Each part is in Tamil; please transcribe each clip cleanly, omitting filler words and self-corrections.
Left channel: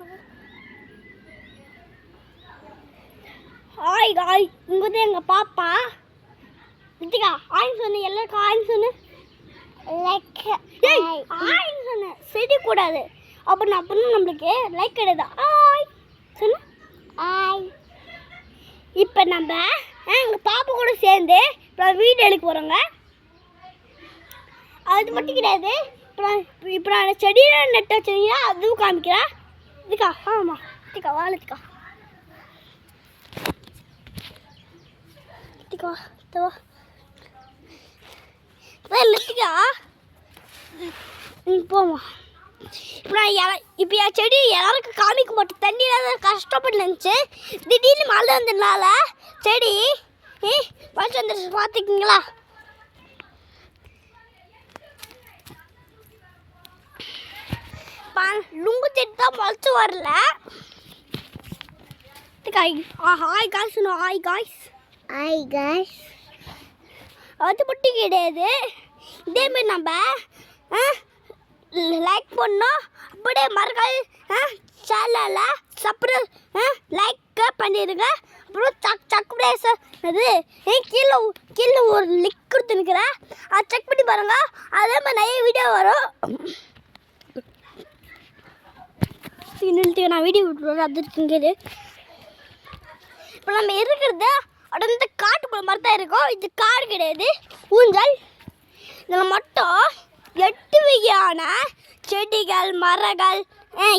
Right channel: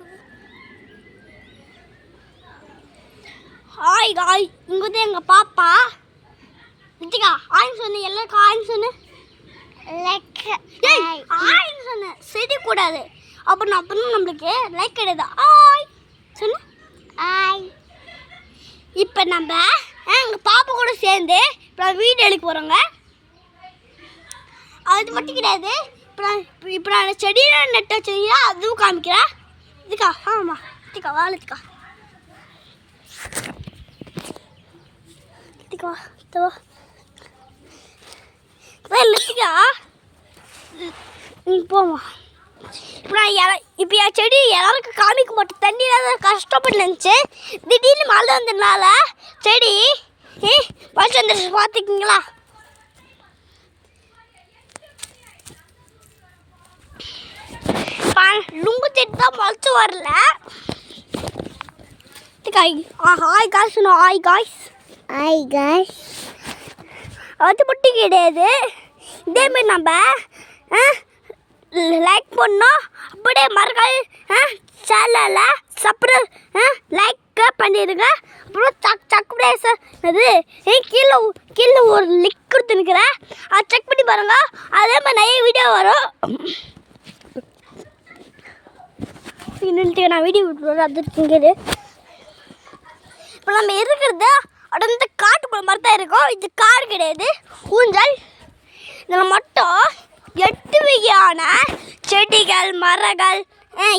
கொடு. ஹாய் காய், இங்கே வந்து எங்கள் பாப்பா ரித்திகா ஆயின்னு சொன்ன. எல்லாருக்கும் ஆயின்னு சொன்ன. ஆயின்னு சொன்ன செய்யக்கூடாது. அப்புறம் நம்மளுக்கு லைக் கிடையாது. ஆய் சொன்ன. ஆய். இப்போ நம்ம எங்கள் பாப்பா கூட சேர்ந்து இப்போ வீடியோ எடுக்க போகிறோங்க. அது மட்டும் கிடையாது. இப்போ நான் செடியை நட்ட செடியா அதுவும் காமிக்கிறேன். இதுக்கா ஆமாம் ரித்திகா வா ரித்திகா. ரித்திகா வா ரித்திகா போமா. இப்போ என் செடி எல்லாருக்கும் காமிக்க மாட்டேன். தண்ணியில் கஷ்டப்பட்டு இருந்துச்சு. திடீர்னு மழை வந்ததுனால செடி வச்சு வந்துருச்சு. பார்த்துக்கிங்களா? லுங்கு செடி தான் முளைச்சு வரல. Hi guys. Hi guys. Hi guys. அது மட்டும் கிடையாது. இதேமாரி நம்ம லைக் பண்ணோம். அப்படியே மறக்காது சேனலில் லைக் பண்ணிடுங்க. அப்புறம் சப்ஸ்கிரைப் அது கீழே ஒரு லிங்க் கொடுத்துருக்குறேன். அதை செக் பண்ணி பாருங்க. அதே மாதிரி நிறைய வீடியோ வரும். நான் வீடியோ விட்டுருவேன். அது இருக்குங்கிறது இப்போ நம்ம இருக்கிறது அப்படி வந்து காட்டுக்குள்ள மாதிரி தான் இருக்கும். இது காடு கிடையாது, ஊஞ்சல். இதில் மட்டும் 8 வகையான செடிகள் மரங்கள்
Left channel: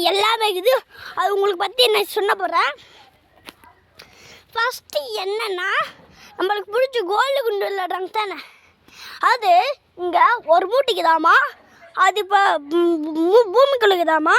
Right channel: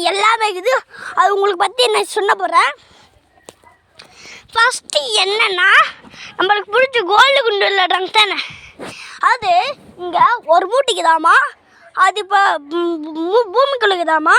எல்லாமே இருக்குது. அது உங்களுக்கு பற்றி நான் சொல்ல போகிறேன். ஃபஸ்ட்டு என்னென்னா நம்மளுக்கு பிடிச்ச கோல்டு குண்டு விளையாடுறாங்க தானே. அது இங்கே ஒரு மூட்டைக்குதாமா. அது இப்போ பூமிக்குள்ளுக்குதாமா.